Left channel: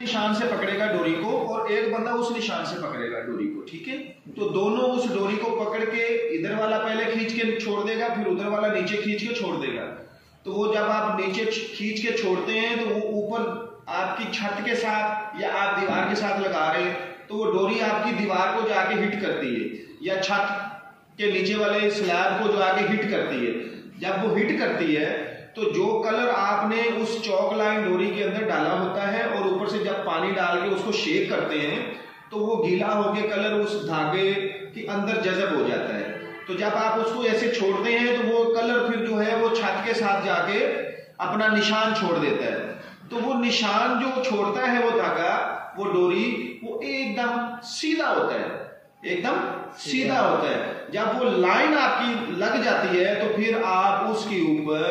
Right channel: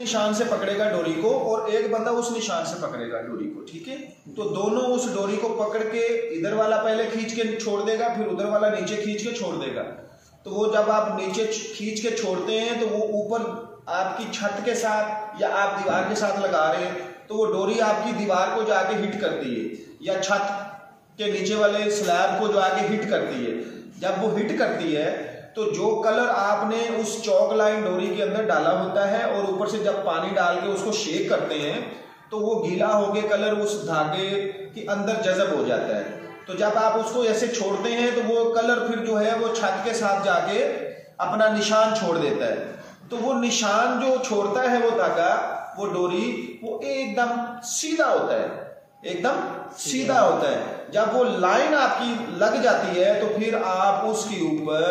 निशान से पकड़ेगा डोरी को और एक बंदा उस निशान से पकड़ेगा डोरी को, ठीक है। तो दोनों उस डोरी को पकड़ के इधर वाला पहले खींच के छोड़ देगा, फिर उधर वाला नीचे खींच के छोड़ देगा। तो वो जब आप नीचे खींच के छोड़ते हैं तो वो ऊपर आपकी छत के साथ या आप दीवार के साथ लगा रहे हैं तो वो डोरी आपकी दीवार को जाके हिट करती है या छत के नीचे वाले स्लैब को जो आके हिट करती है। जब वो हिट करती है तो जो कलर आपने उस चौक लाइन डोरी के अंदर डाला होता है और ऊपर से जब पानी डाल के उसको शेक करते हैं तो वो गीला होके कलर उस धागे के अंदर जज़ब हो जाता है। तो जब आप उसको ऐसे छोड़ते हैं तो वो कलर फिर जो है वो छत के साथ जाके अपना निशान छोड़ देता है। तो वो निशान जो छोड़ता है वो धागा, वो डोरी, वो एकदम सीधा होता है, एकदम सीधा होता है। जब वो लाइन आपकी लग जाती है तो फिर आप उसके ऊपर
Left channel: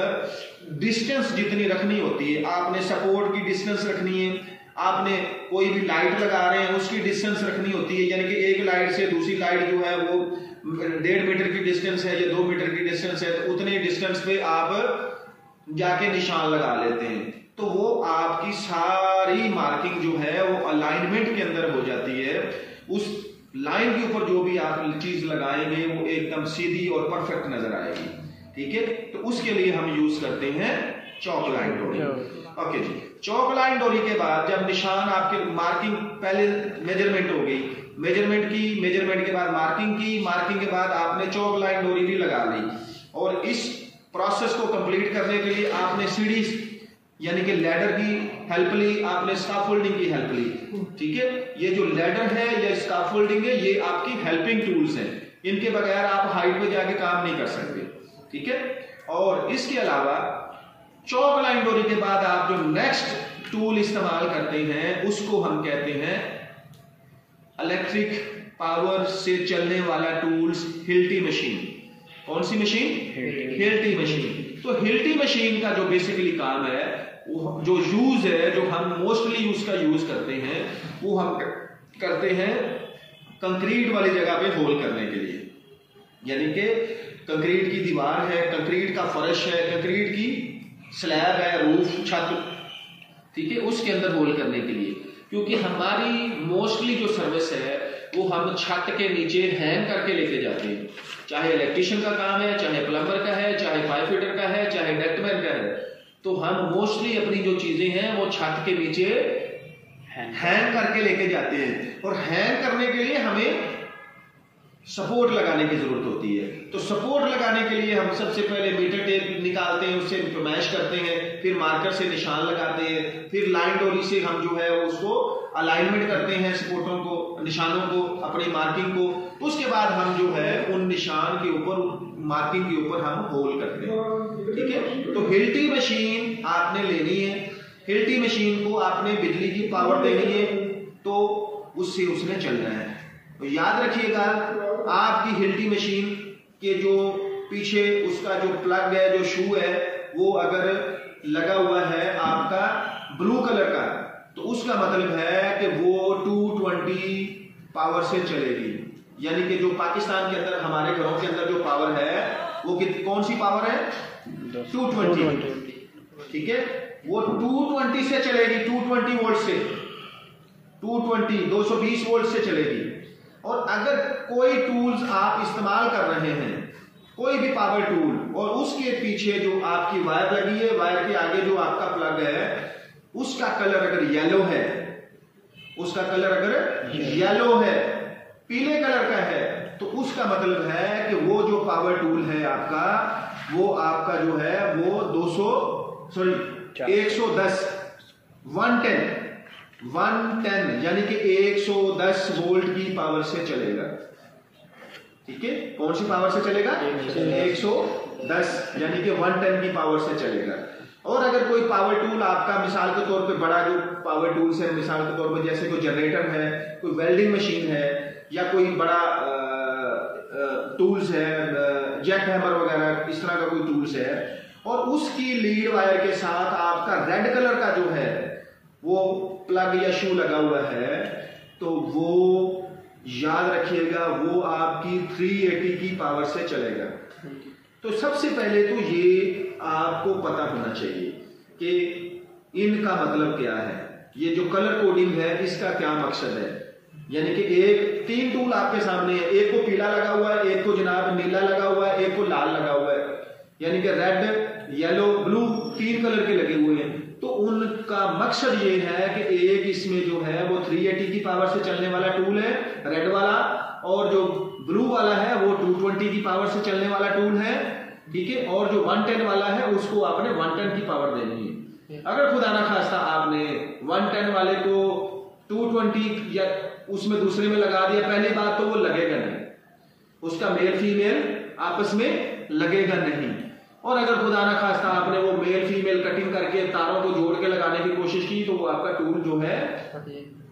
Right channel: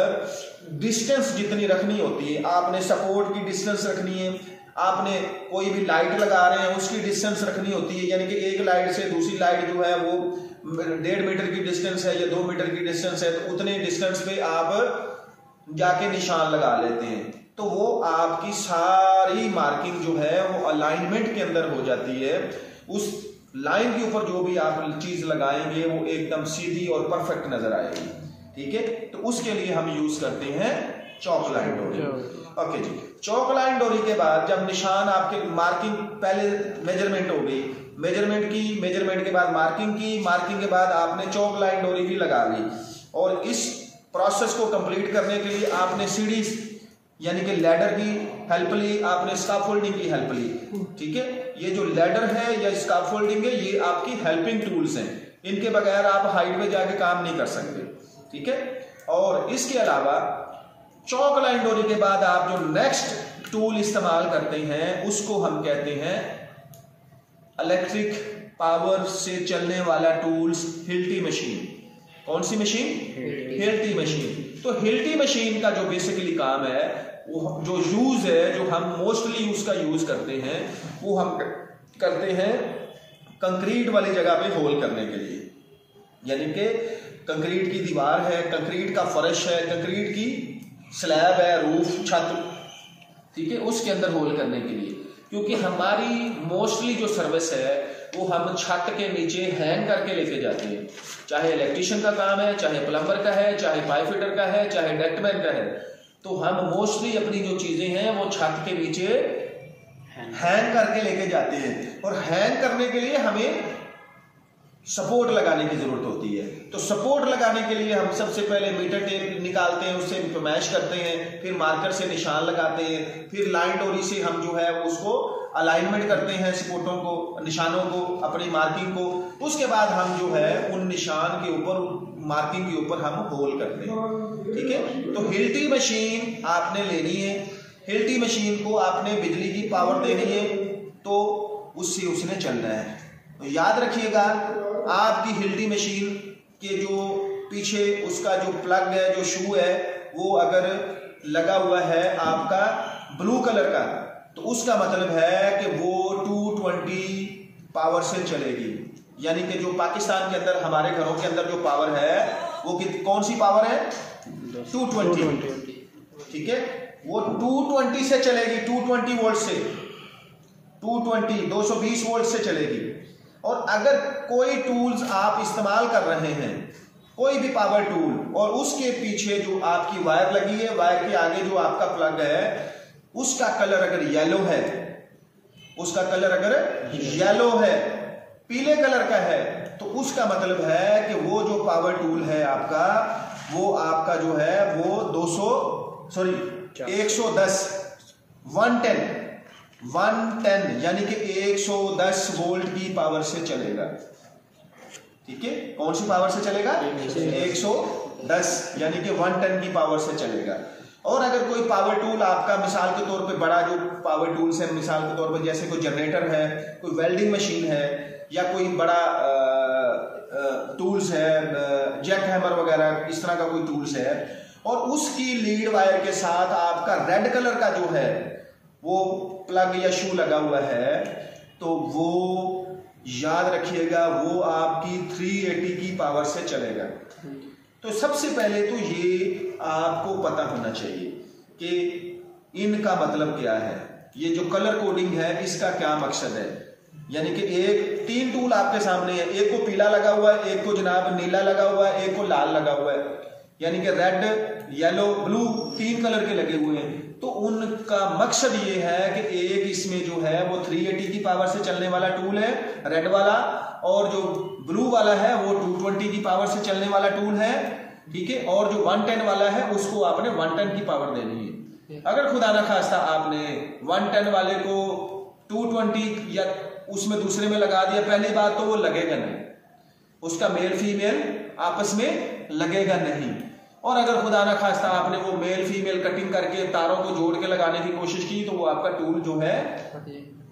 डिस्टेंस जितनी रखनी होती है, आपने सपोर्ट की डिस्टेंस रखनी है, आपने कोई भी लाइट लगा रहे हैं उसकी डिस्टेंस रखनी होती है, यानी कि एक लाइट से दूसरी लाइट जो है वो 1.5 मीटर की डिस्टेंस है या 2 मीटर की डिस्टेंस है, तो उतने डिस्टेंस पे आप जाके निशान लगा लेते हैं। तो वो आपकी सारी मार्किंग जो है वो अलाइनमेंट के अंदर हो जाती है। उस लाइन के ऊपर जो भी आप चीज लगाएंगे वो एकदम सीधी और परफेक्ट नजर आएगी, ठीक है। तो उसके लिए हम यूज करते हैं चौक लाइन डोरी। ओके जी, चौक लाइन डोरी के बाद जब निशान आपके मार्किंग, पहले मेजरमेंट हो गई, मेजरमेंट के बाद मार्किंग की, मार्किंग के बाद आपने चौक लाइन डोरी भी लगा ली और इस प्रोसेस को कंप्लीट करने के लिए आपने सीढ़ी यानी कि लैडर की हेल्प ली, आपने स्काफोल्डिंग की हेल्प ली, ठीक है। ये जो लैडर है या स्काफोल्डिंग है ये आपकी हेल्पिंग टूल्स हैं, इनके बगैर आप हाइट पे जाके काम नहीं कर सकते, ठीक है। और इसके अलावा चौक लाइन डोरी के बाद आप जो नेक्स्ट टूल इस्तेमाल करते हैं उसको हम कहते हैं इलेक्ट्रिक पावर से चलने वाला टूल्स, हिल्टी मशीन। कौन सी मशीन? Hilti machine. तो हिल्टी मशीन का जो बेसिकली काम है, वो जो यूज है, जो हम मोस्टली उसका यूज करते हैं, वो हम करते हैं कंक्रीट वाली जगह पे होल करने के लिए। यानी कि कंक्रीट की दीवार है, कंक्रीट का फर्श है, कंक्रीट की स्लैब है, रूफ, छत, ठीक है, उसके अंदर होल करने के लिए। क्योंकि हमारी मोस्टली जो सर्विस है वो हम छत के नीचे हैंग करके लेके जाते हैं, चाहे इलेक्ट्रिशियन का काम है, चाहे प्लम्बर का है, चाहे पाइप फिटर का है, चाहे डेक्टमैन का है। तो हम मोस्टली अपनी जो चीजें हैं वो छत के नीचे हैंग करके लेके जाते हैं और हैंग करने के लिए हमें सपोर्ट लगाने की जरूरत होती है। तो सपोर्ट लगाने के लिए हम सबसे पहले मीटर टेप निकालते हैं, उससे मैश करते हैं, फिर मार्कर से निशान लगाते हैं, फिर लाइन डोरी से हम जो है उसको अलाइनमेंट करते हैं, सपोर्टों को, निशानों को, अपनी मार्किंग को। उसके बाद हम जो है उन निशान के ऊपर, मार्किंग के ऊपर हम होल करते हैं, ठीक है। तो हिल्टी मशीन आपने लेनी है, हिल्टी मशीन को आपने बिजली की पावर देनी है, तो उससे उसने चलना है। तो याद रखिएगा, आपकी हिल्टी मशीन के जो पीछे उसका जो प्लग है, जो शू है, वो अगर लगा हुआ है आपका ब्लू कलर का, तो उसका मतलब है कि वो 220 पावर से चलेगी। यानी कि जो पाकिस्तान के अंदर, हमारे घरों के अंदर जो पावर है वो कौन सी पावर है? 220, ठीक है। वो 220 से चलेगी, 220 वोल्ट से, 220 वोल्ट से चलेगी। और अगर कोई टूल्स आप इस्तेमाल कर रहे हैं, कोई भी पावर टूल, और उसके पीछे जो आपकी वायर लगी है, वायर के आगे जो आपका प्लग है, उसका कलर अगर येलो है, उसका कलर अगर येलो है, पीले कलर का है, तो उसका मतलब है कि वो जो पावर टूल है आपका, वो आपका जो है वो 110 यानी कि 110 वोल्ट की पावर से चलेगा, ठीक है। कौन सी पावर से चलेगा? 110 यानी कि 110 की पावर से चलेगा। और अगर कोई पावर टूल आपका, मिसाल के तौर पे बड़ा जो पावर टूल्स है, मिसाल के तौर पे जैसे कोई जनरेटर है, कोई वेल्डिंग मशीन है, या कोई बड़ा टूल्स है, जैक हैमर वगैरह, इस तरह का कोई टूल्स है, और उसकी लीड वायर के साथ आपका रेड कलर का जो है वो प्लग या शू लगा हुआ है, तो वो याद रखिएगा वो आपकी 380 की पावर से चलेगा। तो सबसे पहले तो ये आपको पता होना चाहिए कि इनका मतलब क्या है। ये जो कलर कोडिंग है इसका क्या मकसद है। यानी कि एक 3 टूल आपके सामने है, एक को पीला लगा हुआ है, एक को जनाब नीला लगा हुआ है, एक को लाल लगा हुआ है, यानी कि रेड येलो ब्लू 3 कलर के लगे हुए हैं। तो उनका मकसद ये है कि एक इसमें जो है वो 380 की पावर से चलने वाला टूल है रेड वाला, और जो ब्लू वाला है वो 220 की पावर से चलने वाला टूल है, ठीक है, और जो 110 वाला है उसको आपने 110 की पावर देनी है। अगर खुदा ना खास्ता आपने 110 वाले को 220 या उसमें दूसरे में लगा दिया, पहली बात तो वो लगेगा नहीं, उसका मेल फीमेल आपस में लगेगा नहीं। और अगर खुदा ना खास्ता आपने वो मेल फीमेल कटिंग करके तारों को जोड़ के लगाने की कोशिश की तो वो आपका टूल जो है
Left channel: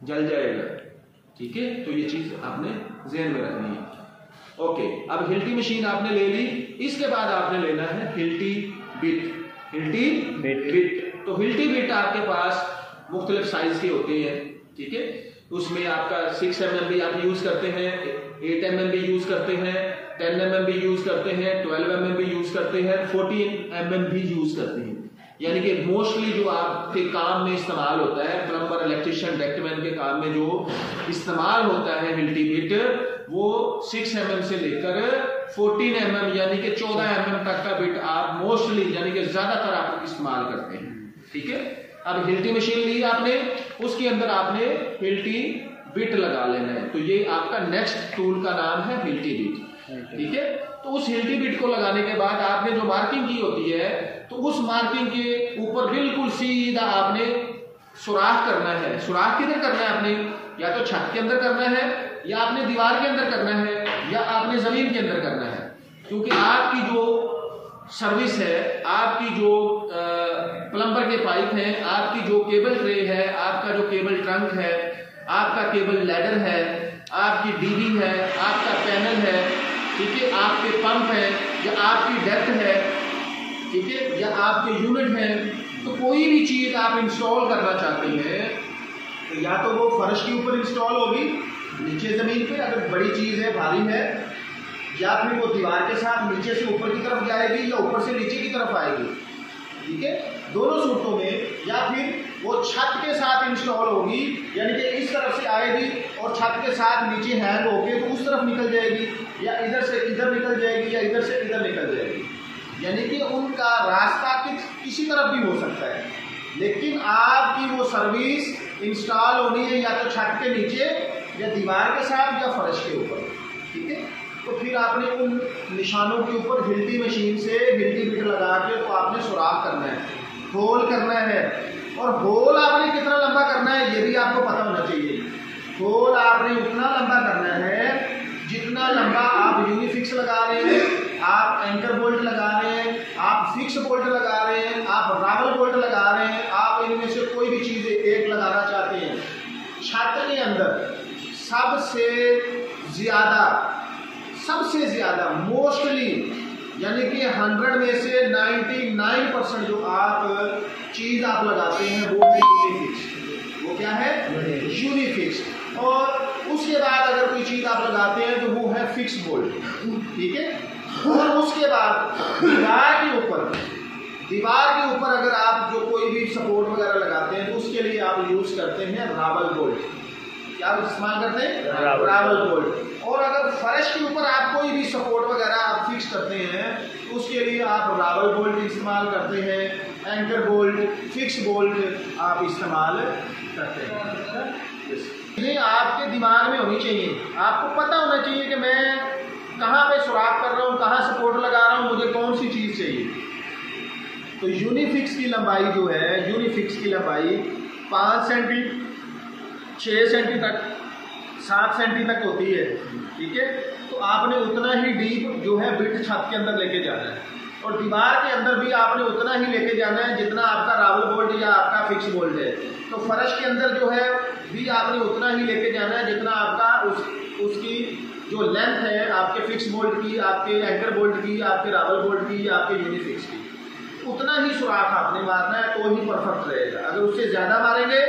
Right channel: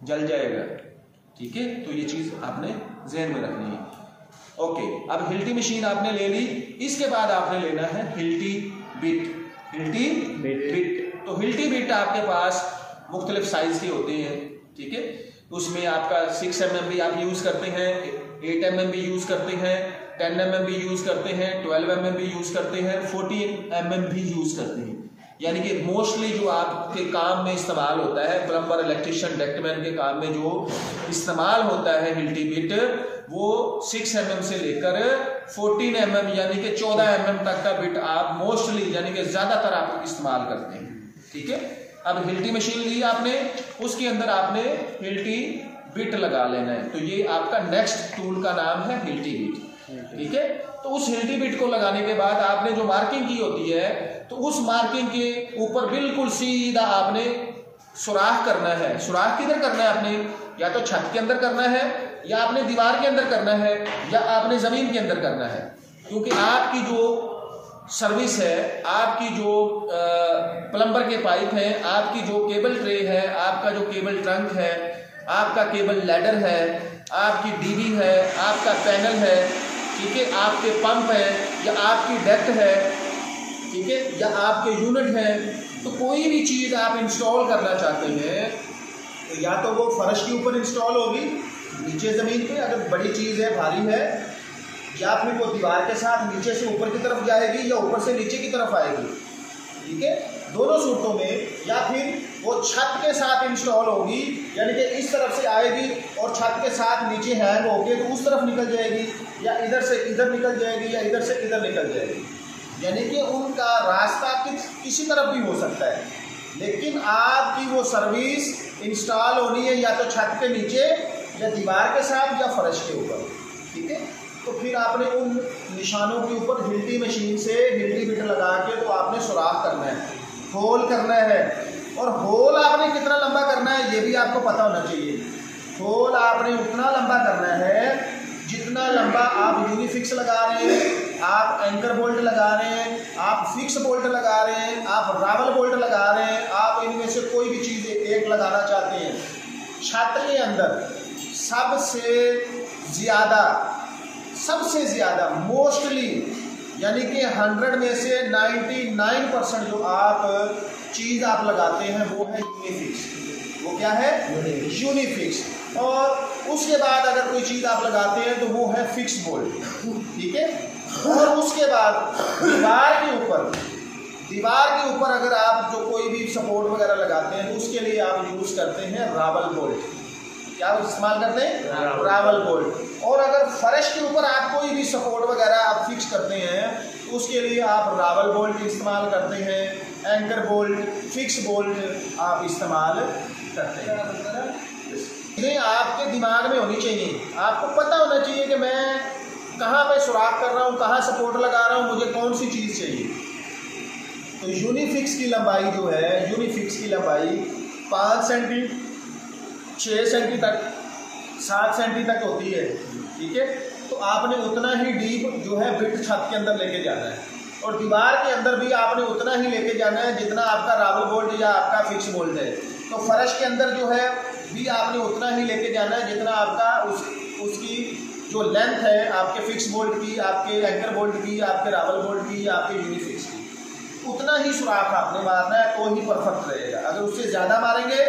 जल जाएगा, ठीक है। तो ये चीज आपने ज़हन में रखनी है। ओके, अब हिल्टी मशीन आपने ले ली, इसके बाद आपने लेना है हिल्टी बिट। हिल्टी बिट, तो हिल्टी बिट आपके पास मुख्तलिफ साइज के होते हैं, ठीक है। उसमें आपका 6 mm भी आप यूज करते हैं, 8 mm भी यूज करते हैं, 10 mm भी यूज करते हैं, 12 mm भी यूज करते हैं, 14 mm भी यूज करते हैं। यानी कि मोस्टली जो आपके काम में इस्तेमाल होता है, प्लम्बर, इलेक्ट्रिशियन, डेक्टमैन के काम में जो इस्तेमाल होता है हिल्टी बिट, वो 6 mm से लेकर 14 mm यानी कि 14 mm तक का बिट आप मोस्टली यानी कि ज्यादातर आप इस्तेमाल करते हैं, ठीक है। अब हिल्टी मशीन ली आपने, उसके अंदर आपने हिल्टी बिट लगा लेना है। तो ये आपका नेक्स्ट टूल का नाम है हिल्टी बिट, ठीक है। तो उस हिल्टी बिट को लगाने के बाद आपने जो मार्किंग की होती है, तो उस मार्किंग के ऊपर बिल्कुल सीधा आपने सुराख करना है। सुराख किधर करना है आपने, या तो छत के अंदर करना है, या आपने दीवार के अंदर करना है, या आपने जमीन के अंदर करना है। क्योंकि आपकी जो सर्विस है, आपकी जो प्लम्बर के पाइप हैं, आपकी जो केबल ट्रे है, आपका जो केबल ट्रंक है, आपका केबल लैडर है, आपकी डीबी है, आपका पैनल है, ठीक है, आपके पंप है, या आपकी डक्ट है, ठीक है, या आपके यूनिट है। तो कोई भी चीज आप इंस्टॉल करना चाहते हैं, या तो वो फर्श के ऊपर इंस्टॉल होगी, नीचे जमीन पे अगर बड़ी चीज है, भारी है, या फिर वो दीवार के साथ नीचे से ऊपर की तरफ जाएगी, या ऊपर से नीचे की तरफ आएगी, ठीक है, दोनों सूटों में। या फिर वो छत के साथ इंस्टॉल होगी, यानी कि इस तरफ से आएगी और छत के साथ नीचे हैंग होके तो उस तरफ निकल जाएगी, या इधर से इधर निकल जाएगी, या इधर से इधर निकल जाएगी। यानी कि उनका रास्ता किसी तरफ भी हो सकता है, लेकिन आपकी वो सर्विस इंस्टॉल होनी है या तो छत के नीचे, या दीवार के साथ, या फर्श के ऊपर, ठीक है। तो फिर आपने उन निशानों के ऊपर हिल्टी मशीन से हिल्टी बिट लगा के तो आपने सुराख करना है, होल करना है। और होल आपने कितना लंबा करना है ये भी आपको पता होना चाहिए। होल आपने उतना लंबा करना है जितना लंबा आप यूनिफिक्स लगा रहे हैं, आप एंकर बोल्ट लगा रहे हैं, आप फिक्स बोल्ट लगा रहे हैं, आप रावल बोल्ट लगा रहे हैं, आप इनमें से कोई भी चीज़ एक लगाना चाहते हैं। छत के अंदर सबसे ज़्यादा मोस्टली यानी कि 100 में से 99% जो आप चीज़ आप लगाते हैं वो है यूनिफिक्स। वो क्या है? यूनिफिक्स। और उसके बाद अगर कोई चीज़ आप लगाते हैं तो वो है फिक्स बोल्ट, ठीक है। और उसके बाद दीवार के ऊपर अगर आप जो कोई भी सपोर्ट वगैरह लगाते हैं तो उसके लिए आप यूज़ करते हैं रावल बोल्ट। क्या इस्तेमाल करते हैं? रावल बोल्ट। और अगर फर्श के ऊपर आप कोई भी सपोर्ट वगैरह आप फिक्स करते हैं तो उसके लिए आप रावल बोल्ट इस्तेमाल करते हैं, एंकर बोल्ट, फिक्स बोल्ट आप इस्तेमाल करते हैं। ये आपके दिमाग में होनी चाहिए, आपको पता होना चाहिए कि मैं कहाँ पे सुराख कर रहा हूँ, कहाँ सपोर्ट लगा रहा हूँ, मुझे कौन सी चीज़ चाहिए। तो यूनिफिक्स की लंबाई जो है, यूनिफिक्स की लंबाई 5 सेंटी, 6 सेंटी तक, 7 सेंटी तक होती है, ठीक है। तो आपने उतना ही डीप जो है बिट छत के अंदर लेके जाना है, और दीवार के अंदर भी आपने उतना ही लेके जाना है जितना आपका रावल बोल्ट या आपका फिक्स बोल्ट है। तो फर्श के अंदर जो है भी आपने उतना ही लेके जाना है जितना आपका उसकी जो लेंथ है आपके फिक्स बोल्ट की, आपके एंकर बोल्ट की, आपके रावल बोल्ट की, आपके यूनिफिक्स की, उतना ही सुराख आपने मारना है तो ही परफेक्ट रहेगा। अगर उससे ज़्यादा मारेंगे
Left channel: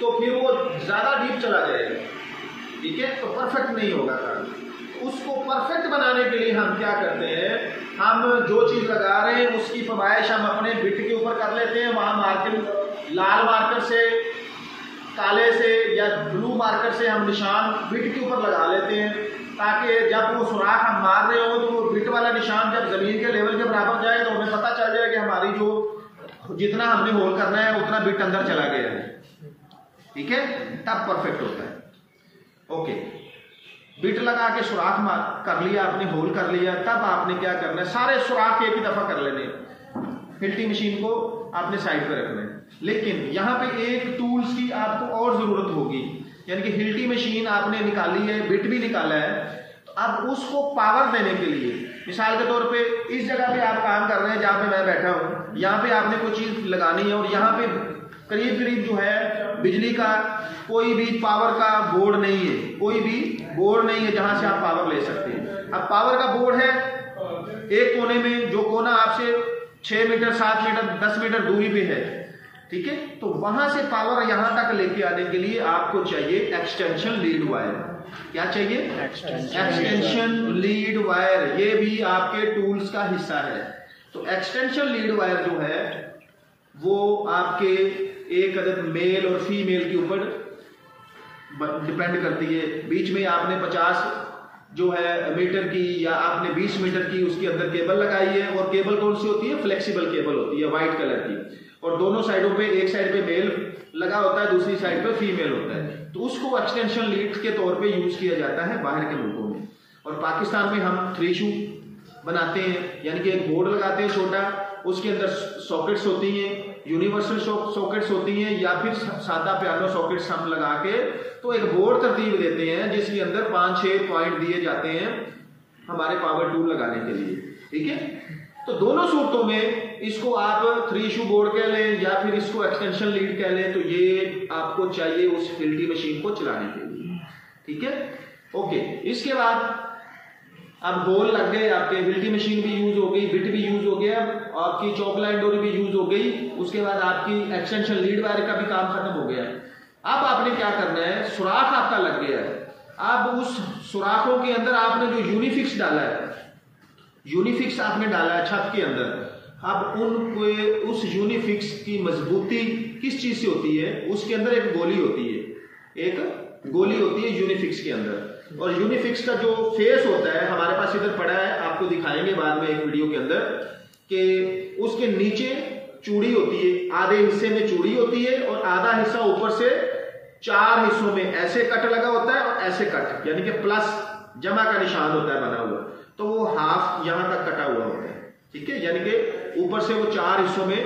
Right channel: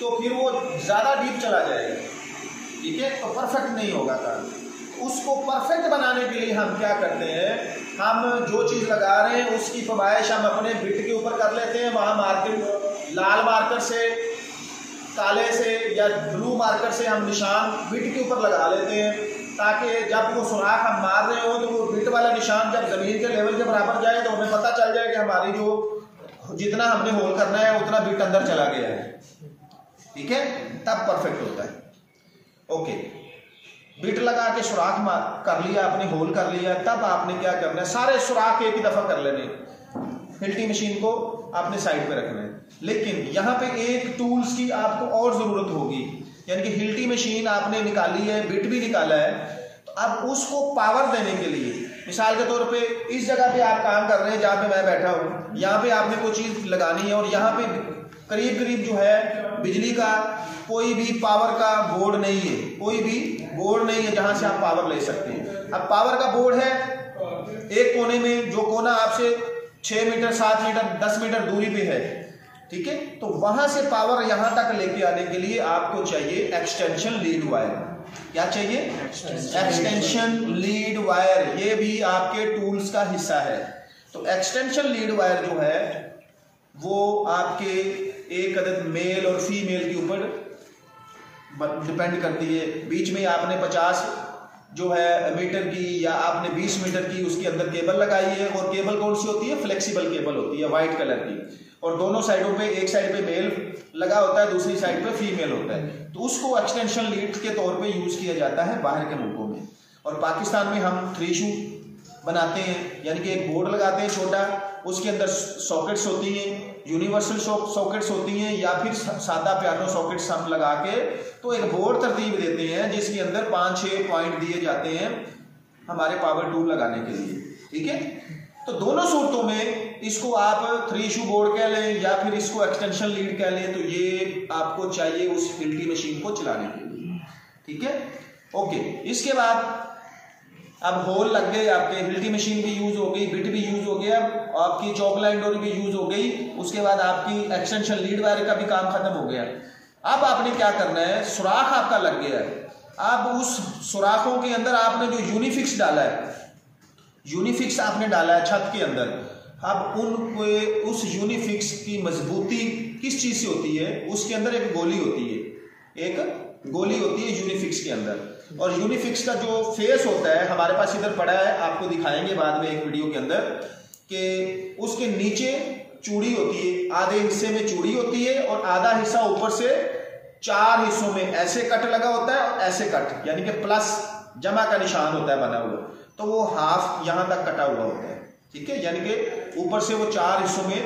तो फिर वो ज़्यादा डीप चला जाएगा, ठीक है, तो परफेक्ट नहीं होगा काम। उसको परफेक्ट बनाने के लिए हम क्या करते हैं, हम जो चीज़ लगा रहे हैं उसकी पैमाइश हम अपने बिट के ऊपर कर लेते हैं, वहाँ मार्किंग लाल मार्कर से काले से या ब्लू मार्कर से हम निशान बिट के ऊपर लगा लेते हैं, ताकि जब वो सुराख हम मार रहे हो तो वो बिट वाला निशान जब जमीन के लेवल के बराबर जाए तो हमें पता चल जाए कि हमारी जो जितना हमने होल करना है उतना बिट अंदर चला गया है। ठीक है, तब परफेक्ट होता है। ओके, बिट लगा के सुराख मार कर लिया आपने, होल कर लिया, तब आपने क्या करना है, सारे सुराख एक ही दफा कर लेने, हिल्टी मशीन को आपने साइड पे रखना है। लेकिन यहाँ पे एक टूल्स की आपको और जरूरत होगी, यानी कि हिल्टी मशीन आपने निकाली है, बिट भी निकाला है, तो अब उसको पावर देने के लिए, मिसाल के तौर पे इस जगह पे आप काम कर रहे हैं जहाँ पे मैं बैठा हूँ, यहाँ पे आपने कोई चीज लगानी है और यहाँ पे करीब करीब जो है बिजली का कोई भी पावर का बोर्ड नहीं है, कोई भी बोर्ड नहीं है जहाँ से आप पावर ले सकते हैं। अब पावर का बोर्ड है एक कोने में, जो कोना आपसे 6 मीटर 7 मीटर 10 मीटर दूरी पे है, ठीक है, तो वहां से पावर यहां तक लेके आने के लिए आपको चाहिए एक्सटेंशन लीड वायर। क्या चाहिए? Extension lead wire. ये भी आपके टूल्स का हिस्सा है। तो एक्सटेंशन लीड वायर जो है वो आपके एक अदद मेल और फीमेल के ऊपर डिपेंड करती है। बीच में आपने 50 जो है मीटर की या आपने 20 मीटर की उसके अंदर केबल लगाई है, और केबल कौन सी होती है? फ्लेक्सिबल केबल होती है, व्हाइट कलर की, और दोनों साइडों पे, एक साइड पे मेल लगा होता है, दूसरी साइड पे फीमेल होता है। तो उसको एक्सटेंशन लीड के तौर पे यूज किया जाता है बाहर के मुल्कों में। और पाकिस्तान में हम 3 शू बनाते हैं, यानी कि एक बोर्ड लगाते हैं छोटा, उसके अंदर सॉकेट्स होती हैं, यूनिवर्सल सॉकेट्स होती हैं, या फिर सादा पियानो सॉकेट्स हम लगा के तो एक बोर्ड तरतीब देते हैं जिसके अंदर 5-6 पॉइंट दिए जाते हैं हमारे पावर टूल लगाने के लिए। ठीक है, तो दोनों सूरतों में इसको आप 3 शू बोर्ड कह लें या फिर इसको एक्सटेंशन लीड कह लें, तो ये आपको चाहिए उस हिल्टी मशीन को चलाने के लिए। ठीक है, ओके। इसके बाद अब होल लग गए, आपके हिल्टी मशीन भी यूज हो गई, बिट भी यूज हो गया, आपकी चौक लाइन डोरी भी यूज हो गई, उसके बाद आपकी एक्सटेंशन लीड वायर का भी काम खत्म हो गया। अब आपने क्या करना है, सुराख आपका लग गया है, अब उस सुराखों के अंदर आपने जो यूनिफिक्स डाला है, यूनिफिक्स आपने डाला है छत के अंदर, अब उस यूनिफिक्स की मजबूती किस चीज से होती है? उसके अंदर एक गोली होती है, एक गोली होती है यूनिफिक्स के अंदर, और यूनिफिक्स का जो फेस होता है हमारे पास इधर पड़ा है, आपको दिखाएंगे बाद में एक वीडियो के अंदर, कि उसके नीचे चूड़ी होती है, आधे हिस्से में चूड़ी होती है और आधा हिस्सा ऊपर से 4 हिस्सों में ऐसे कट लगा होता है और ऐसे कट, यानी कि प्लस जमा का निशान होता है बना हुआ, तो वो हाफ यहां तक कटा हुआ होता है। ठीक है, यानी कि ऊपर से वो 4 हिस्सों में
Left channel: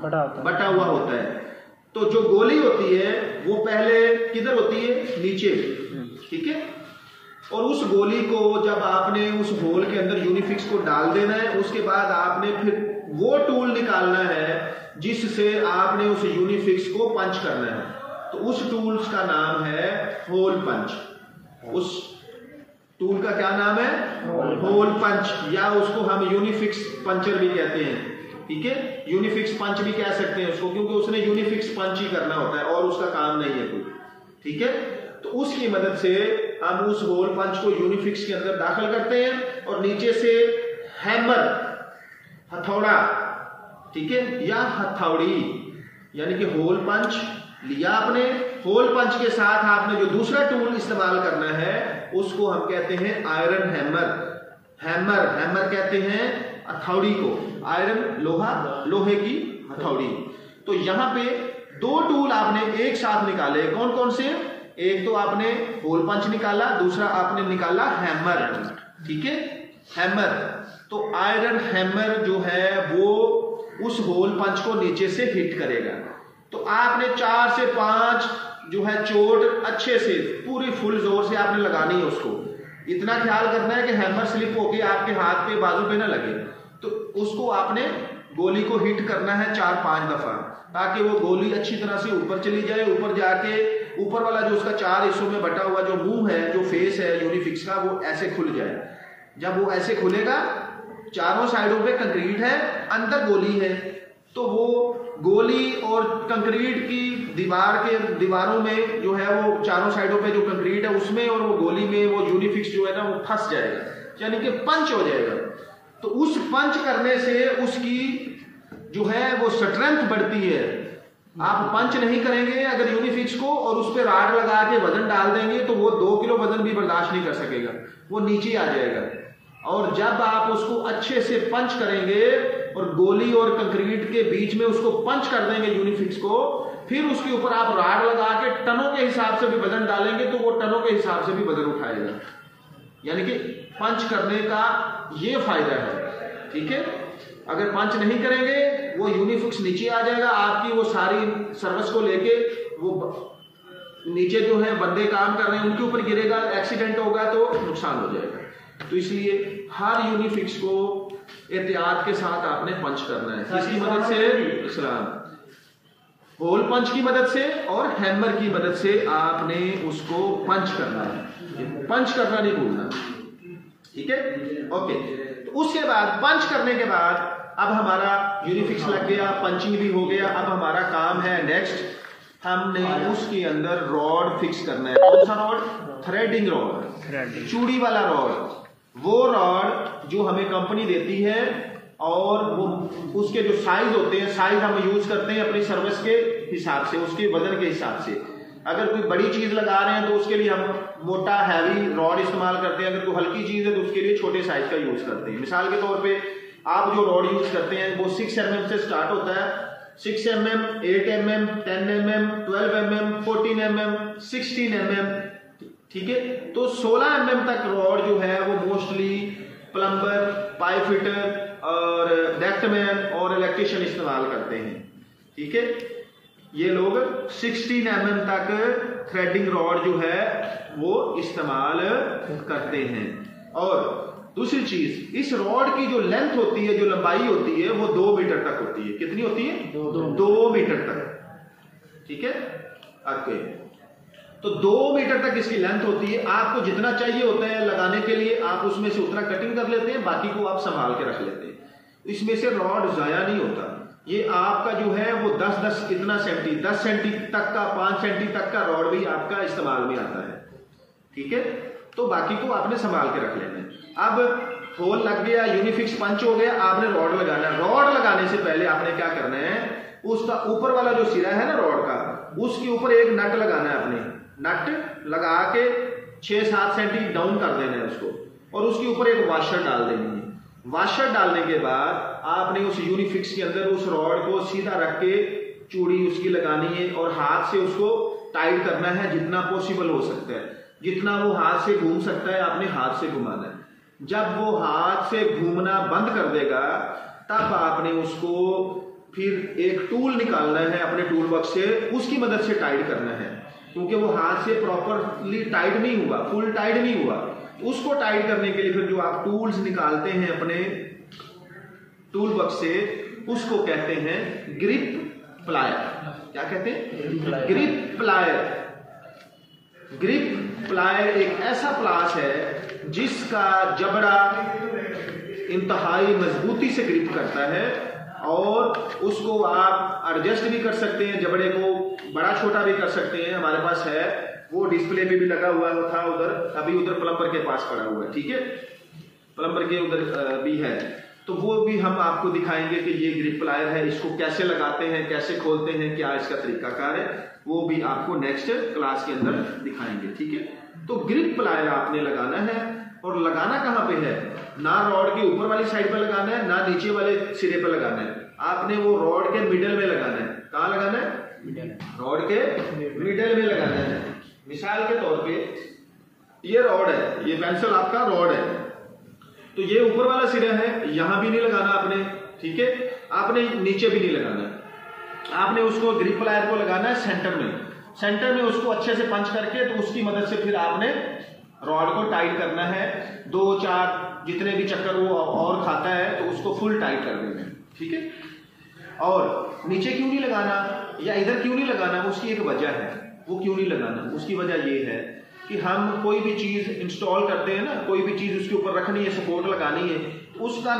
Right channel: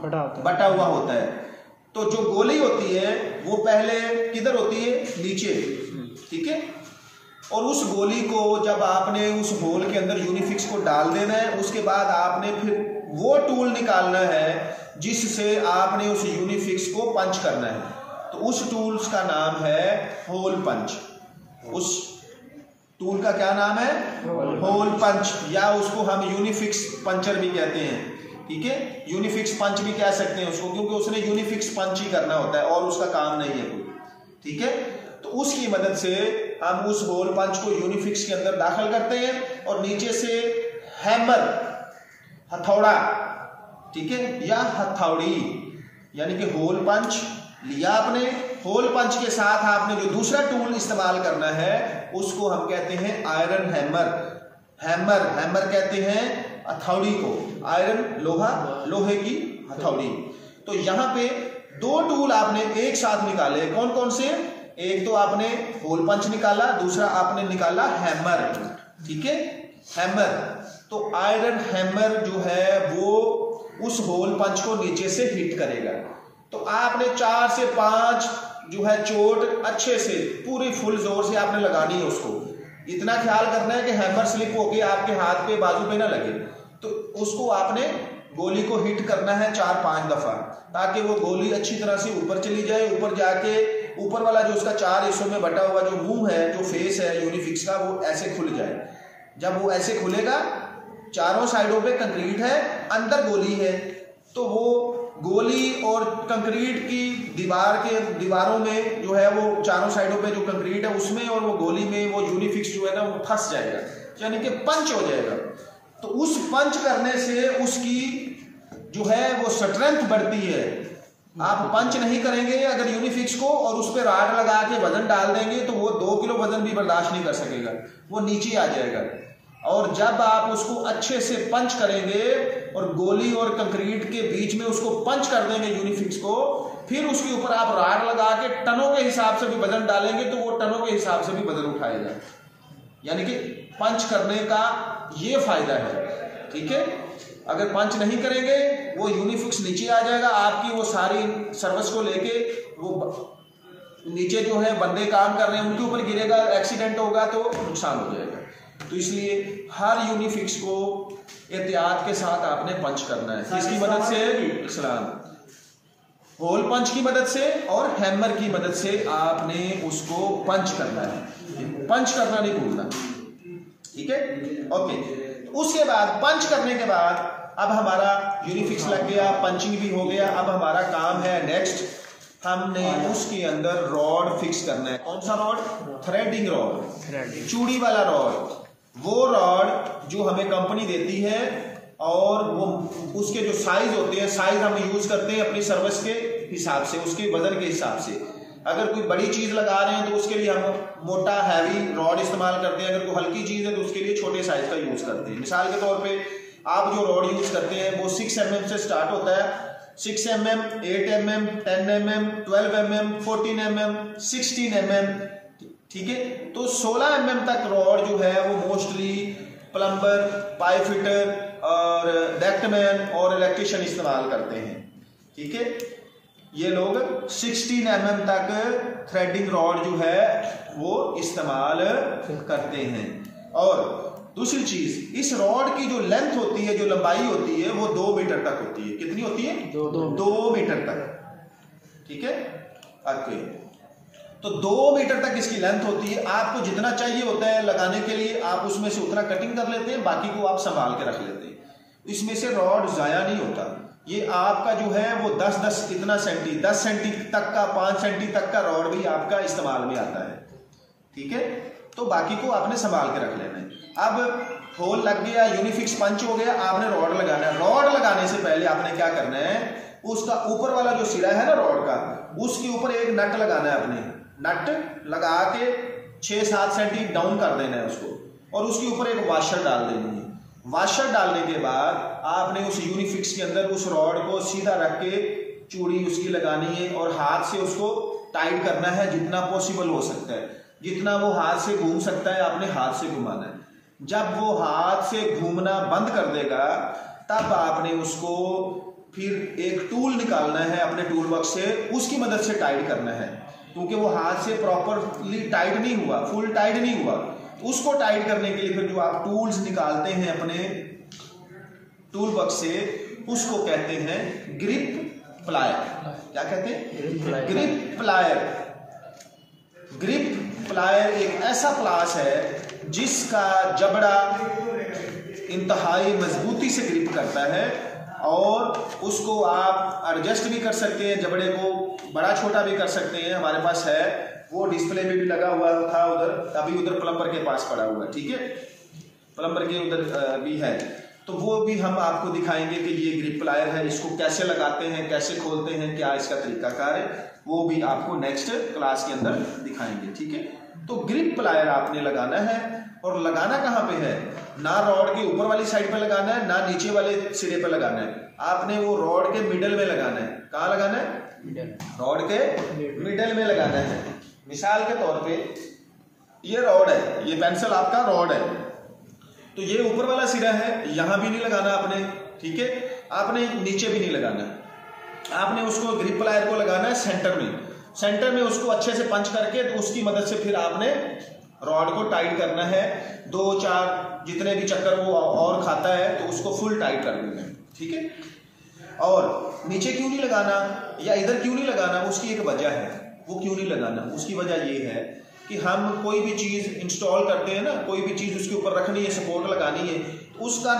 बटा हुआ होता है। तो जो गोली होती है वो पहले किधर होती है? नीचे। ठीक है, और उस गोली को जब आपने उस होल के अंदर यूनिफिक्स को डाल देना है, उसके बाद आपने फिर वो टूल निकालना है जिससे आपने उस यूनिफिक्स को पंच करना है। तो उस टूल्स का नाम है होल पंच। उस टूल का क्या नाम है? होल पंच, या उसको हम यूनिफिक्स पंचर भी कहते हैं। ठीक है, यूनिफिक्स पंच भी कह सकते हैं उसको, क्योंकि उसने यूनिफिक्स पंच ही करना होता है और उसका काम नहीं है कोई। ठीक है, तो उसकी मदद से हम उस होल पंच को यूनिफिक्स के अंदर दाखिल करते हैं और नीचे से हैमर, हथौड़ा, ठीक है, या हथौड़ी, यानी कि होल पंच लिया आपने, होल पंच के साथ आपने जो दूसरा टूल इस्तेमाल करना है उसको हम कहते हैं आयरन हैमर। हैमर कहते हैं हथौड़ी को, आयरन लोहा, लोहे की हथौड़ी। तो यहाँ पे 2 टूल आपने एक साथ निकाले, कौन कौन से? एक तो आपने होल पंच निकाला, दूसरा आपने निकाला हैमर। ठीक है, हैमर। तो आयरन हैमर जो है वो उस होल पंच को नीचे से हिट करेगा। तो आपने 4 से 5 जो है चोट अच्छे से पूरी फुल जोर से आपने लगानी है उसको। इतना ख्याल करना है कि हैमर स्लिप होके आपके हाथ पे बाजू पे ना लगे। तो उसको आपने गोली को हिट करना है 4-5 दफा, ताकि वो गोली अच्छी तरह से ऊपर चली जाए। ऊपर जाके ऊपर वाला जो उसका 4 हिस्सों में बटा हुआ जो मुंह है, जो फेस है यूनिफिक्स का, वो ऐसे खुल जाए। जब वो ऐसे खुलेगा, चारों साइडों पे कंक्रीट है, अंदर गोली है, तो वो गोली और कंक्रीट की दीवारों में जो है वो चारों साइडों पे जो कंक्रीट है उसमें और वो गोली में वो यूनिफिक्स जो है ना वो फंस जाएगा, यानी कि पंच हो जाएगा। तो उस पंच करने से उसकी जो है वो स्ट्रेंथ बढ़ती है, आप पंच नहीं करेंगे अगर यूनिफिक्स को और उस पर राड लगा के वजन डाल देंगे तो वो 2 किलो वजन भी बर्दाश्त नहीं कर सकेगा, वो नीचे आ जाएगा। और जब आप उसको अच्छे से पंच करेंगे और गोली और कंक्रीट के बीच में उसको पंच कर देंगे यूनिफिक्स को, फिर उसके ऊपर आप राड लगा के टनों के हिसाब से भी वजन डालेंगे तो वो टनों के हिसाब से भी वजन उठाएगा। यानी कि पंच करने का ये फायदा है, ठीक है। अगर पंच नहीं करेंगे वो यूनिफिक्स नीचे आ जाएगा, आपकी वो सारी सर्विस को लेके वो नीचे जो है बंदे काम कर रहे हैं उनके ऊपर गिरेगा, एक्सीडेंट होगा तो नुकसान हो जाएगा। तो इसलिए हर यूनिफिक्स को एहतियात के साथ आपने पंच करना है। किसकी मदद से? इस्लाम होल पंच की मदद से और हैमर की मदद से आपने उसको पंच करना है, पंच करना नहीं भूलना, ठीक है। ओके, उसके बाद पंच करने के बाद अब हमारा यूनिफिक्स लग गया, पंचिंग भी हो गया। अब हमारा काम है नेक्स्ट, हमने उसके अंदर रॉड फिक्स करना है। कौन सा रॉड? थ्रेडिंग रॉड, चूड़ी वाला रॉड। वो रॉड जो हमें कंपनी देती है और वो उसके जो साइज होते हैं, साइज हम यूज करते हैं अपनी सर्विस के हिसाब से, उसके वजन के हिसाब से। अगर कोई बड़ी चीज लगा रहे हैं तो उसके लिए हम मोटा हैवी रॉड इस्तेमाल करते हैं, अगर कोई हल्की चीज है तो उसके लिए छोटे साइज का यूज करते हैं। मिसाल के तौर पे आप जो रॉड यूज करते हैं वो 6 mm से स्टार्ट होता है, 6 mm, 8 mm, 10 mm, 12 mm, 14 mm, 16 mm, ठीक है। तो 16 mm तक रॉड जो है वो मोस्टली प्लम्बर, पाइप फिटर और डेक्टमैन और इलेक्ट्रिशियन इस्तेमाल करते हैं, ठीक है। ये लोग 16 mm तक थ्रेडिंग रॉड जो है वो इस्तेमाल करते हैं। और दूसरी चीज, इस रॉड की जो लेंथ होती है, जो लंबाई होती है, वो 2 मीटर तक होती है। कितनी होती है? 2 मीटर तक, ठीक है। ओके, तो 2 मीटर तक इसकी लेंथ होती है। आपको जितना चाहिए होता है लगाने के लिए आप उसमें से उतना कटिंग कर लेते हैं, बाकी को आप संभाल के रख लेते हैं। इसमें से रॉड जाया नहीं होता। ये आपका जो है वो 10 इतना सेंटी, 10 सेंटी तक का, 5 सेंटी तक का रॉड भी आपका इस्तेमाल में आता है, ठीक है। तो बाकी को आपने संभाल के रख लेना है। अब होल लग गया, यूनिफिक्स पंच हो गया, आपने रॉड लगाना है। रॉड लगाने से पहले आपने क्या करना है, उसका ऊपर वाला जो सिरा है ना रॉड का, उसके ऊपर एक नट लगाना है। आपने नट लगा के 6-7 सेंटी डाउन कर देना है उसको, और उसके ऊपर एक वाशर डाल देनी है। वाशर डालने के बाद आपने उस यूनिफिक्स के अंदर उस रॉड को सीधा रख के चूड़ी उसकी लगानी है और हाथ से उसको टाइट करना है जितना पॉसिबल हो सकता है। जितना वो हाथ से घूम सकता है आपने हाथ से घुमाना है। जब वो हाथ से घूमना बंद कर देगा तब आपने उसको फिर एक टूल निकालना है अपने टूल बॉक्स से, उसकी मदद से टाइट करना है, क्योंकि वो हाथ से प्रॉपरली टाइट नहीं हुआ, फुल टाइट नहीं हुआ। उसको टाइट करने के लिए फिर जो आप टूल्स निकालते हैं अपने टूल बॉक्स से, उसको कहते हैं ग्रिप प्लायर। क्या कहते हैं? Grip plier. ग्रिप प्लायर एक ऐसा प्लास है जिसका जबड़ा इंतहाई मजबूती से ग्रिप करता है, और उसको आप एडजस्ट भी कर सकते हैं, जबड़े को बड़ा छोटा भी कर सकते हैं। हमारे पास है, वो डिस्प्ले में भी लगा हुआ था उधर, अभी उधर प्लम्बर के पास पड़ा हुआ है, ठीक है। प्लम्बर के उधर भी है, तो वो भी हम आपको दिखाएंगे कि ये ग्रिप प्लायर है, इसको कैसे लगाते हैं, कैसे खोलते हैं, क्या इसका तरीकाकार है, वो भी आपको नेक्स्ट क्लास के अंदर दिखाएंगे, ठीक है। तो ग्रिप प्लायर आपने लगाना है, और लगाना कहाँ पे है? ना रॉड के ऊपर वाली साइड पे लगाना है, ना नीचे वाले सिरे पे लगाना है। आपने वो रॉड के मिडल में लगाना है। कहाँ लगाना है? रॉड के मिडल में लगाना है। मिसाल के तौर पे ये रॉड है, ये पेंसिल आपका रॉड है, तो ये ऊपर वाला सिरा है, यहां भी नहीं लगाना आपने, ठीक है। आपने नीचे भी नहीं लगाना, आपने उसको ग्रिप प्लायर को लगाना है सेंटर में। सेंटर में उसको अच्छे से पंच करके, तो उसकी मदद से फिर आपने रॉड को टाइट करना है। 2-4 जितने भी चक्कर वो और खाता है तो उसको फुल टाइट कर देना है, ठीक है। और नीचे क्यों नहीं लगाना या इधर क्यों नहीं लगाना, उसकी एक वजह है। वो क्यों नहीं लगाना, उसकी वजह ये है कि हम कोई भी चीज इंस्टॉल करते हैं ना, कोई भी चीज उसके ऊपर रखनी है, सपोर्ट लगानी है, तो उसका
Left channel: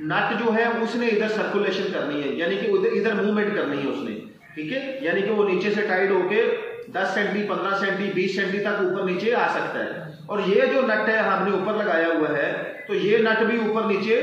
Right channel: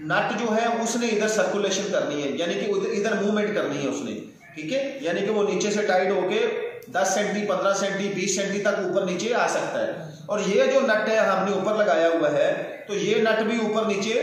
नट जो है उसने इधर सर्कुलेशन करनी है, यानी कि इधर मूवमेंट करनी है उसने, ठीक है। यानी कि वो नीचे से टाइट होके 10 सेंटी, 15 सेंटी, 20 सेंटी तक ऊपर नीचे आ सकता है। और ये जो नट है हमने ऊपर लगाया हुआ है, तो ये नट भी ऊपर नीचे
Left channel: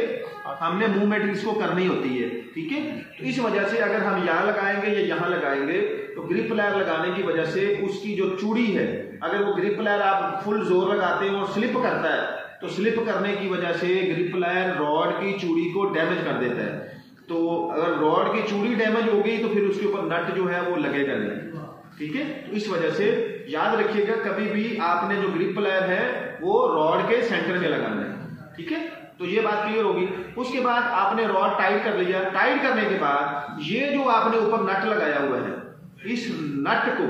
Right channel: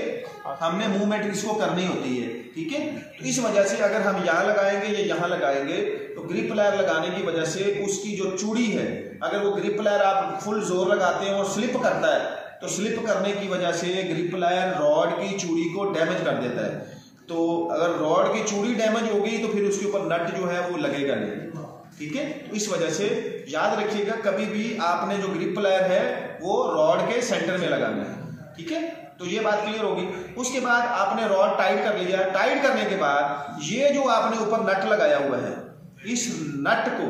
हमने मूवमेंट इसको करनी होती है। ठीक है। तो इस वजह से अगर हम यहाँ लगाएंगे या यहाँ लगाएंगे तो ग्रिप प्लायर लगाने की वजह से उसकी जो चूड़ी है, अगर वो ग्रिप प्लायर आप फुल जोर लगाते हैं और स्लिप करता है, तो स्लिप करने की वजह से ग्रिप प्लायर रॉड की चूड़ी को डैमेज कर देता है। तो अगर रॉड की चूड़ी डैमेज हो गई तो फिर उसके ऊपर नट जो है वो लगेगा नहीं, ठीक है। तो इस वजह से याद रखिएगा, कभी भी आपने जो ग्रिप प्लायर है वो रॉड के सेंटर में लगाना है, ठीक है। तो ये बात क्लियर होगी। उसके बाद आपने रॉड टाइट कर लिया। टाइट करने के बाद ये जो आपने ऊपर नट लगाया हुआ है, इस नट को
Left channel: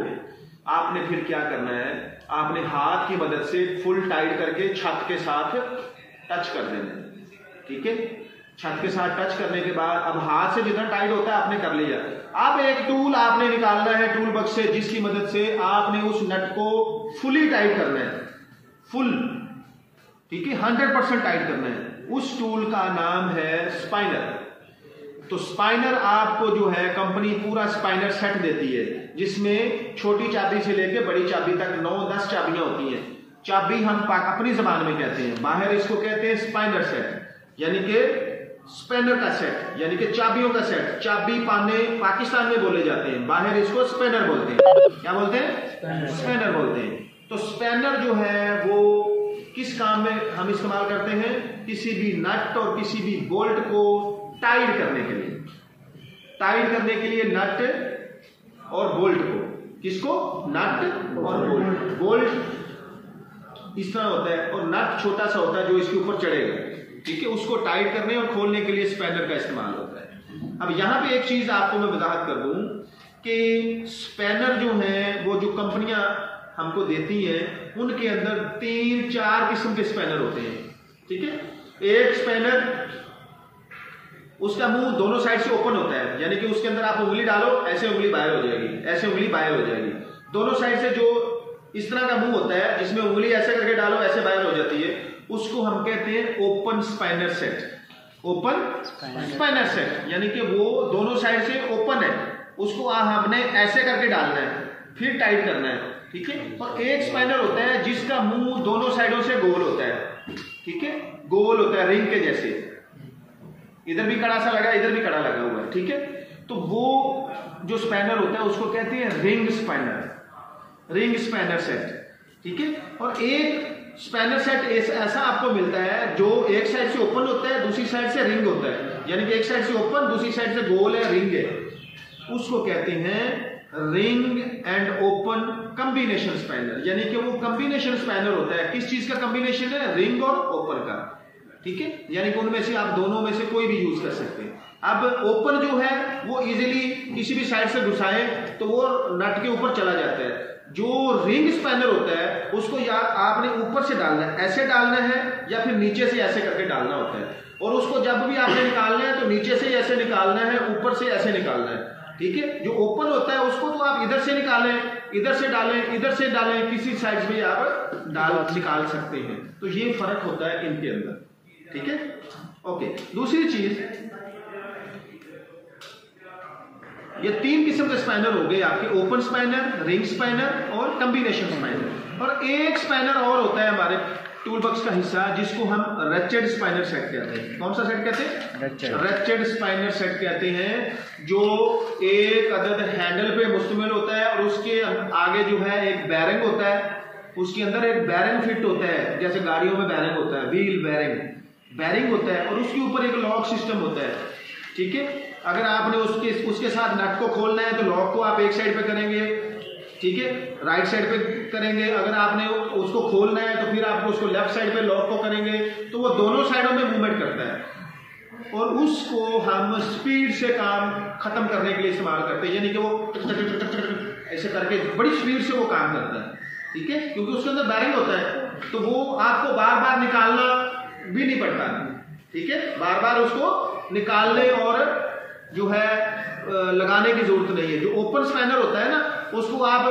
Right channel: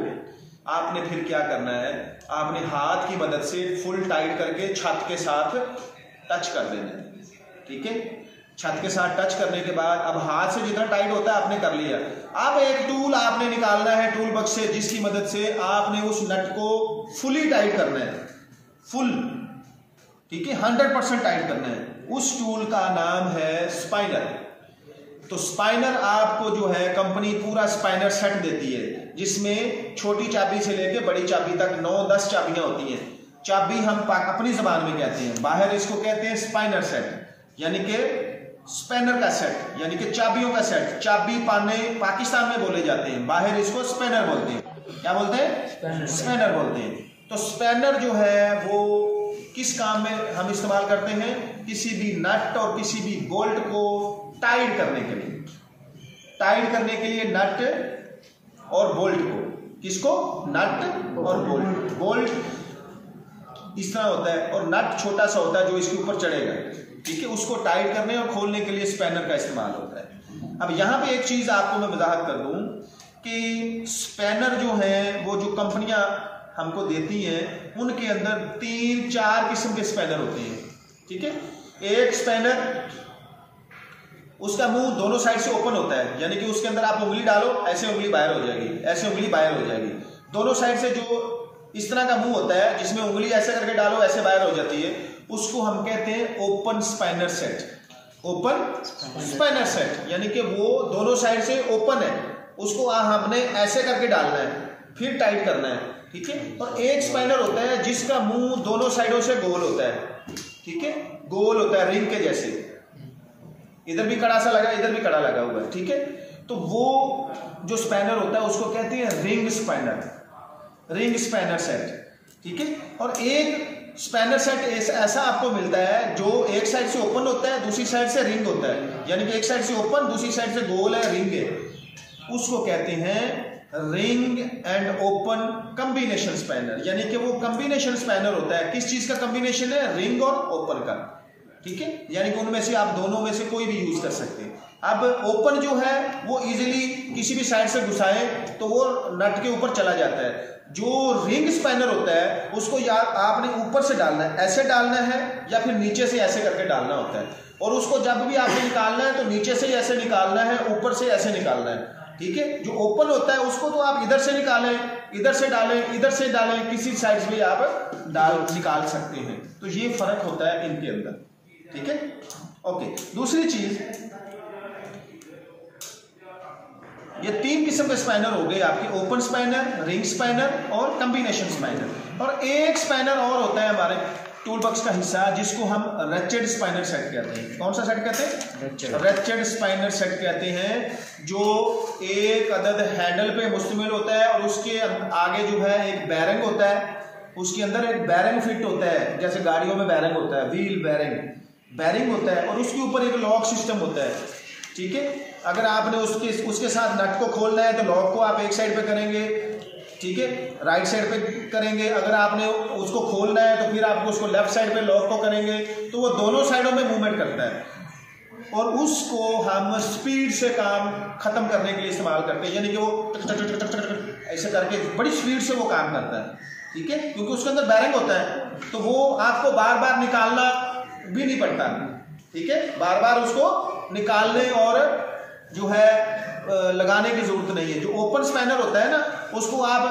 आपने फिर क्या करना है, आपने हाथ की मदद से फुल टाइट करके छत के साथ टच कर देना है, ठीक है। छत के साथ टच करने के बाद अब हाथ से जितना टाइट होता है आपने कर लिया। अब एक टूल आपने निकालना है टूल बॉक्स से, जिसकी मदद से आपने उस नट को फुली टाइट करना है, फुल, ठीक है, 100% टाइट करना है। उस टूल का नाम है स्पाइनर। तो स्पाइनर आपको जो है कंपनी पूरा स्पाइनर सेट देती है, जिसमें छोटी चाबी से लेके बड़ी चाबी तक 9-10 चाबियां होती हैं। चाबी हम अपनी जबान में कहते हैं, बाहर इसको कहते हैं स्पाइनर सेट, यानी कि स्पैनर का सेट, यानी कि चाबियों का सेट। चाबी पाने पाकिस्तान में बोले जाते हैं, बाहर इसको स्पैनर बोलते हैं। क्या बोलते हैं? स्पैनर बोलते हैं। तो स्पैनर जो है वो किस काम में हम इस्तेमाल करते हैं? किसी भी नट और किसी भी बोल्ट को टाइट करने के लिए, टाइट करने के लिए नट और बोल्ट को, किसको? नट और बोल्ट। बोल्ट इस तरह होता है और नट छोटा सा होता है जो इसके ऊपर चढ़ेगा, ठीक है। उसको टाइट करने और खोलने के लिए स्पैनर का इस्तेमाल होता है। अब यहां पे एक चीज आपको मैं वजाहत कर दूं कि स्पैनर जो है वो जो कंपनियां हमको देती हैं उनके अंदर 3-4 किस्म के स्पैनर होते हैं, ठीक है। एक स्पैनर, उसका मुंह दोनों साइड से ओपन होता है, यानी कि उसके अंदर आप उंगली डालो, ऐसे उंगली बाहर हो जाएगी, ऐसे उंगली बाहर हो जाएगी। दोनों साइड से जो इस तरह का मुंह होता है जिसमें उंगली ऐसे करके डालो ऐसे बाहर हो जाती है, उसको हम कहते हैं ओपन स्पाइनर सेट। ओपन स्पाइनर सेट यानी कि वो दोनों साइड से ओपन है, उसको हमने ऐसे करके डालना है, फिर टाइट करना है, ठीक है। और एक स्पाइनर होता है जिसका मुंह दोनों साइडों से गोल होता है, ठीक है, गोल होता है रिंग के जैसे, इधर भी कड़ा सा लगा, इधर भी कड़ा लगा हुआ है, ठीक है। तो वो जो स्पैनर होता है उसको कहते हैं ring spanner, ring spanner set, ठीक है। और एक स्पैनर सेट ऐसा आपको मिलता है जो एक साइड से ओपन होता है, दूसरी साइड से रिंग होता है, यानी कि एक साइड से ओपन, दूसरी साइड से गोल है, रिंग है, उसको कहते हैं ring and open combination spanner. यानी कि वो कॉम्बिनेशन स्पैनर होता है, किस चीज का कॉम्बिनेशन है? रिंग और ओपन का, ठीक है। यानी कि उनमें से आप दोनों में से कोई भी यूज कर सकते हैं। अब ओपन जो है वो इजीली किसी भी साइड से घुसाए तो वो नट के ऊपर चला जाता है। जो रिंग स्पैनर होता है उसको या आपने ऊपर से डालना है, ऐसे डालना है, या फिर नीचे से ऐसे करके डालना होता है। और उसको जब भी आपने निकालना है तो नीचे से ऐसे निकालना है, ऊपर से ऐसे निकालना है, ठीक है। जो ओपन होता है उसको तो आप इधर से निकालें, इधर से डालें, इधर से डालें, किसी साइड से भी आप निकाल सकते हैं। तो ये फर्क होता है इनके अंदर, ठीक है। ओके, दूसरी चीज, ये 3 किस्म के स्पैनर हो गए आपके, ओपन स्पैनर, रिंग स्पैनर और कॉम्बिनेशन स्पैनर। और एक स्पैनर और होता है हमारे टूल बॉक्स का हिस्सा जिसको हम रेचेड स्पाइनर सेट कहते हैं। कौन सा सेट कहते हैं? रेचेड स्पाइनर सेट कहते हैं, जो एक अदद हैंडल पे मुश्तमिल होता है और उसके आगे जो है एक बैरिंग होता है, उसके अंदर एक बैरिंग फिट होता है, जैसे गाड़ियों में बैरिंग होता है, व्हील बैरिंग होता है, और उसके ऊपर एक लॉक सिस्टम होता है, ठीक है। अगर आपने उसके साथ नट को खोलना है तो लॉक को आप एक साइड पे करेंगे, ठीक है, राइट साइड पे करेंगे। अगर आपने उसको खोलना है तो फिर आपको उसको लेफ्ट साइड पे लॉक को करेंगे, तो वो दोनों साइडों में मूवमेंट करता है और उसको हम स्पीड से काम खत्म करने के लिए इस्तेमाल करते हैं। यानी कि वो ऐसे करके बड़ी स्पीड से वो काम करता है, ठीक है, क्योंकि उसके अंदर बैरिंग होता है, तो वो आपको बार बार निकालना भी नहीं पड़ता, ठीक है, बार बार उसको निकालने और जो है लगाने की जरूरत नहीं है। जो ओपन स्पैनर होता है ना, उसको आप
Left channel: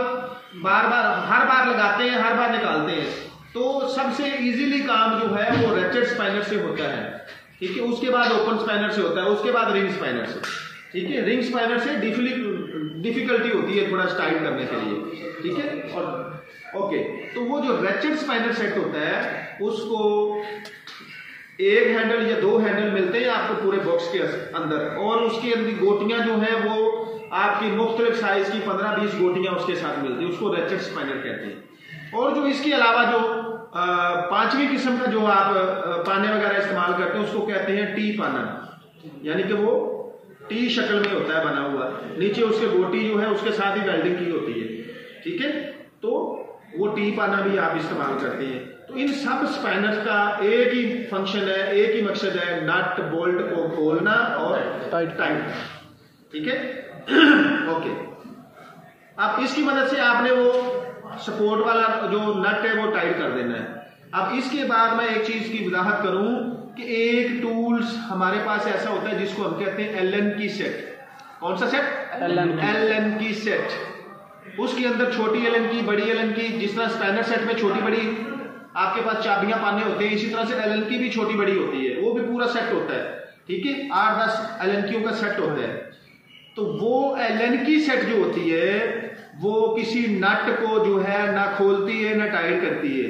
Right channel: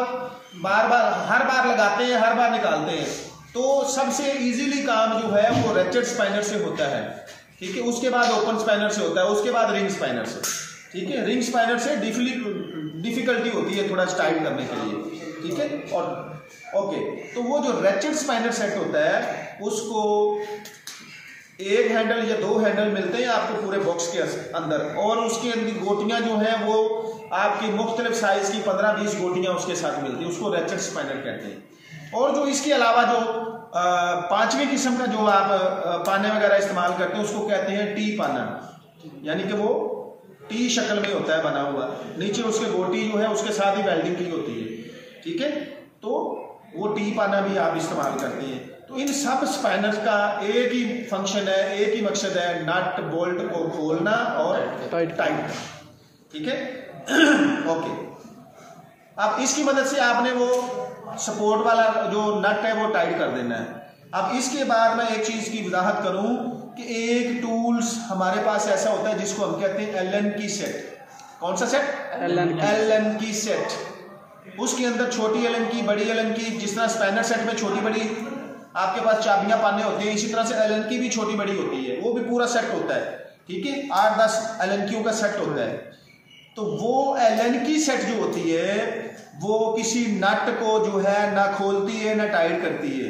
बार बार हर बार लगाते हैं, हर बार निकालते हैं, तो सबसे इजीली काम जो है वो रेचेड स्पाइनर से होता है, ठीक है। उसके बाद ओपन स्पाइनर से होता है, उसके बाद रिंग स्पाइनर से, ठीक है। रिंग स्पाइनर से डिफिकल्टी होती है थोड़ा टाइट करने के लिए, ठीक है। और ओके, तो वो जो रेचेड स्पाइनर सेट होता है उसको एक हैंडल या 2 हैंडल मिलते हैं आपको पूरे बॉक्स के अंदर, और उसके अंदर गोटियां जो है वो आपकी मुख्तलिफ साइज की 15-20 गोटियां उसके साथ मिलती है, उसको रैचेट स्पाइनर कहते हैं। और जो इसके अलावा जो 5वीं किस्म का जो आप पाने वगैरह इस्तेमाल करते हैं उसको कहते हैं टी पाना, यानी कि वो टी शक्ल में होता है बना हुआ, नीचे उसके गोटी जो है उसके साथ ही वेल्डिंग की होती है, ठीक है। तो वो टी पाना भी आप इस्तेमाल करते हैं। तो इन सब स्पाइनर्स का एक ही फंक्शन है, एक ही मकसद है, नट बोल्ट को खोलना और टाइट, ठीक है। ओके, अब इसकी मदद से आपने वो सपोर्ट वाला जो नट है वो टाइट कर देना है। अब इसके बाद मैं एक चीज की वजाहत करूं कि एक टूल्स हमारे पास ऐसा होता है जिसको हम कहते हैं एलन की सेट। कौन सा सेट? एलन की सेट। उसके अंदर छोटी एलन की, बड़ी एलन की, जिस तरह स्पाइनर सेट में छोटी बड़ी आपके पास चाबियां पाने होते हैं, इसी तरह से एलन की भी छोटी बड़ी होती है, वो भी पूरा सेट होता है, ठीक है। 8-10 एलन कीयों का सेट होता है। तो वो एलन की सेट जो होती है वो किसी नट को जो है ना खोलती है ना टाइट करती है,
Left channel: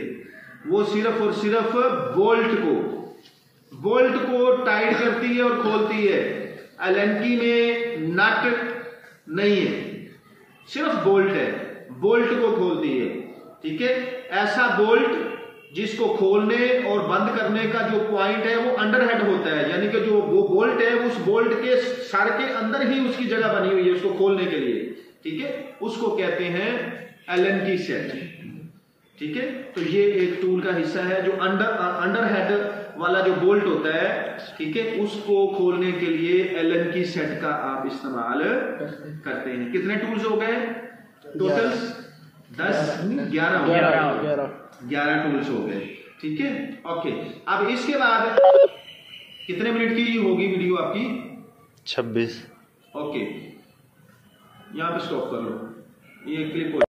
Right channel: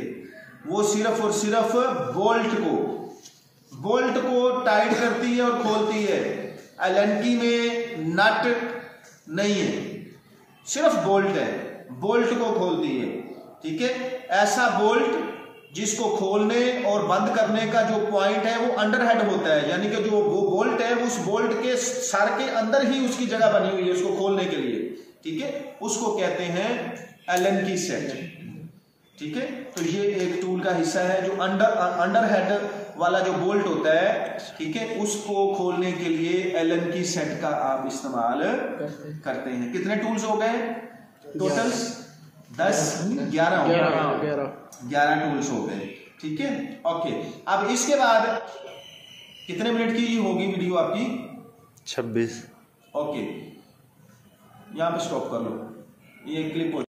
वो सिर्फ और सिर्फ बोल्ट को टाइट करती है और खोलती है। एलन की में नट नहीं है, सिर्फ बोल्ट है, बोल्ट को खोलती है, ठीक है। ऐसा बोल्ट जिसको खोलने और बंद करने का जो पॉइंट है वो अंडरहेड होता है, यानी कि जो वो बोल्ट है उस बोल्ट के सर के अंदर ही उसकी जगह बनी हुई है उसको खोलने के लिए, ठीक है। उसको कहते हैं एलन की सेट, ठीक है। तो ये एक टूल का हिस्सा है जो अंडरहेड वाला जो बोल्ट होता है, ठीक है, उसको खोलने के लिए एलन की सेट का आप इस्तेमाल करते हैं। कितने टूल्स हो गए टोटल? 11 टूल्स हो गए, ठीक है। ओके, अब इसके बाद कितने मिनट की होगी वीडियो आपकी? 26। ओके, यहाँ पे स्टॉप कर लो, ये क्लिप हो